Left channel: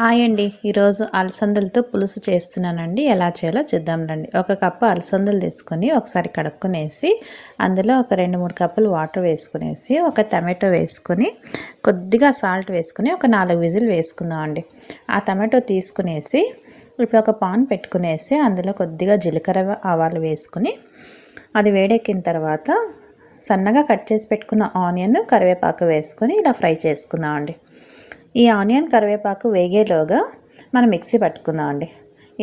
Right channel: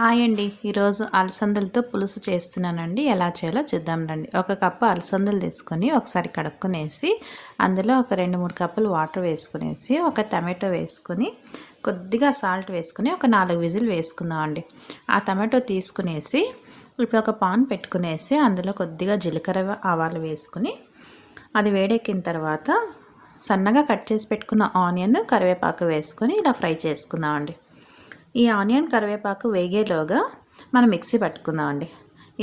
Hi అండి. ఈరోజు అలసందలతో పులుసు చేస్తున్నానండి. ఎలా చేయాలో చూద్దాం రండి. ఒక కప్పు అలసందలు తీసుకొని ఒకసారి కడుక్కునేసి అందులో ఒక 2-3 కప్పులు వాటర్ వేసుకునేసి ఒక టమాటో వేసుకొని కొద్దిగా సాల్ట్ వేసుకుని ఒక 4 విజిల్ వేసుకుందాం అండి. ఆ టమాటో తీసుకునేసి ఇప్పుడు ఒక పాన్ పెట్టుకునేసి అందులో కొద్దిగా జీలకర్ర ఆవాలు వేసుకుని అది వేడెక్కిన తర్వాత సన్నగా కట్ చేసి పెట్టుకున్న ఆనియన్ కరివేపాకు వేసుకొని ఇలా ఫ్రై చేసుకుందాం అండి. ఈ ఆనియన్ కరివేపాకు వేగేలోగా మనం మిక్సీ పట్టుకుందాం అండి.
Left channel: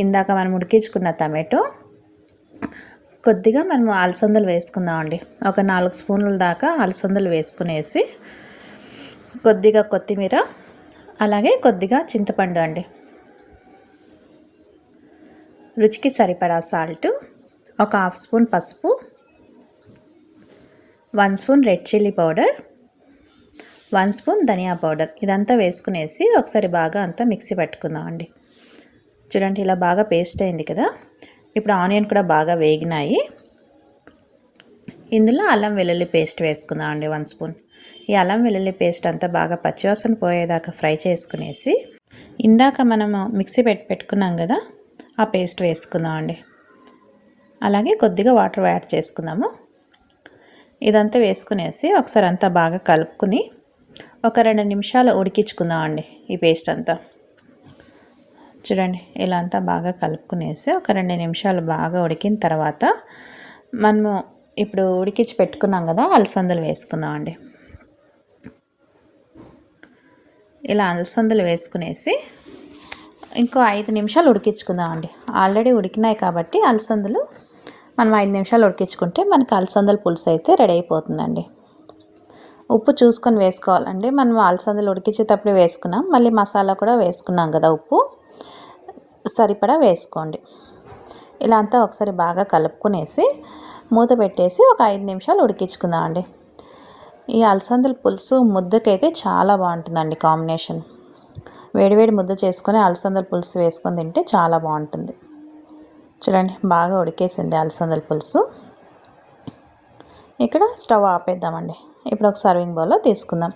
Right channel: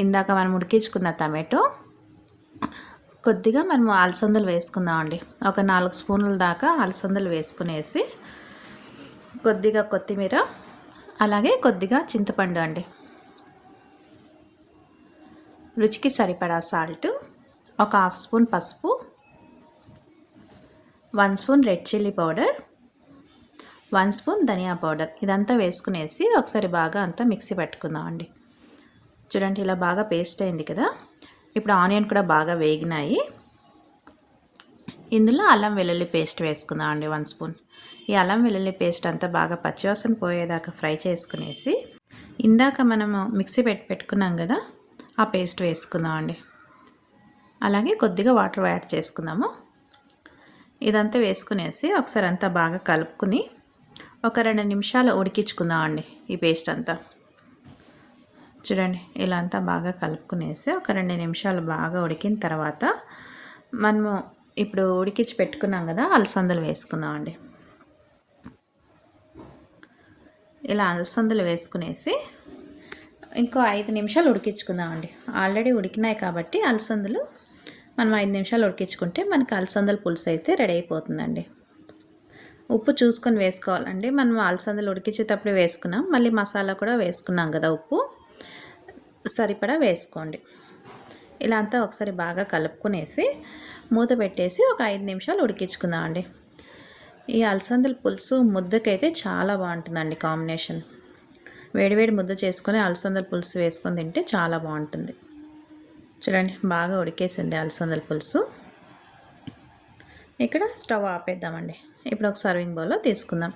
ఇందాక మనం ఉడికించుకున్న టమాటో కొద్దిగా మనం అలసందలు వేసుకుందాం అండి. ఒక 4 స్పూన్ల దాకా అలసందలు వేసుకునేసి కొద్దిగా కొత్తిమీర అలాగే కొద్దిగా చింతపండు అండి, రుచికి సరిపడా సాల్ట్, ఒక 1/2 స్పూన్ పసుపు, 1 spoon red chilli powder, 1 spoon ధనియా పౌడర్ ఇదంతా వేసుకునేసి ఒకసారి బాగా అంతా మిక్సీ పట్టుకుందాం అండి. చూడండి ఇలా బాగా పేస్ట్ అయింది కదా. ఇప్పుడు ఆనియన్ కూడా బాగా వేగినాయి. ఇందులో అల్లం వెల్లుల్లి పేస్ట్ వేసుకుందాం అండి 1 స్పూన్. ఈ అల్లం వెల్లుల్లి పేస్ట్ అంతా బాగా పచ్చివాసన పోయేదాకా ఫ్రై చేసుకునేసి ఇందాక మనము మిక్సీ పెట్టుకున్నాం కదా, ఆ పేస్ట్ వేసుకుందాం అండి. అలాగే కొద్దిగా వాటర్ యాడ్ చేసుకుందాము. ఇదంతా వేసుకునేసి ఒకసారి అంతా బాగా కలుపుకుని ఒక 2 నిమిషాలు ఉడికించుకుందాం అండి. ఈ పేస్ట్ అంతా చూడండి ఇలా అంతా బాగా కలుపుకునేసి ఒక 2 నిమిషాలు బాగా ఉడికిన తర్వాత మనము ఇప్పుడు ఉడికించి పెట్టుకున్నాం కదా అలసందలు వేసుకుందాం అండి. ఇలా అలసందలు వేసుకునేసి ఇంకో 5 నిమిషాలు ఉడికించుకుందాం అండి. ఆల్రెడీ ఉడికినాయి కాబట్టి అలసందలు మనం 5 నిమిషాలు ఉడికించుకుంటే మనకి అలసందల పులుసు అయితే రెడీ అయిపోతుందండి. ఉప్పు చూసుకొని వేసుకోవాలండి. మనం అలసందలు ఉడికించేటప్పుడు వేసుకున్నాం, మళ్ళీ మసాలా కూడా వేసుకున్నాం కదా, ఉప్పు సరిపడా వేసుకోండి. ఇలా అంతా ఒకసారి బాగా కలుపుకునేసి మూత పెట్టేసి ఒక 5 నిమిషాలు ఉడికించుకుందాం అండి. ఈ అలసందల పులుసు ముద్దకైతే చాలా బాగుంటుందండి కాంబినేషన్. వేడివేడి ముద్ద చేసుకొని అలసందల పులుసు వేసుకొని తింటే చాలా బాగుంటుంది. చూడండి బాగా ఉడికేసింది అలసందల పులుసు. ఇక్కడ స్టవ్ ఆపేద్దామండి. ఇప్పుడు ఒక సర్వింగ్ బౌల్లో తీసుకుందాం.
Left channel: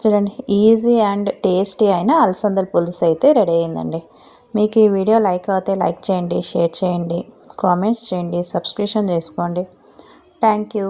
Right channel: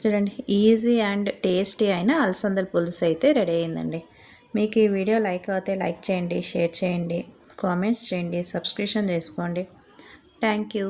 చూడండి ఈజీ అండ్ టేస్టీ అయిన అలసందల పులుసు అయితే రెడీ అయిందండి. మీకు ఈ వీడియో లైక్ అయితే లైక్ చేయండి, షేర్ చేయండి, కామెంట్స్ చేయండి, సబ్స్క్రిప్షన్ చేసుకోండి. Thank you.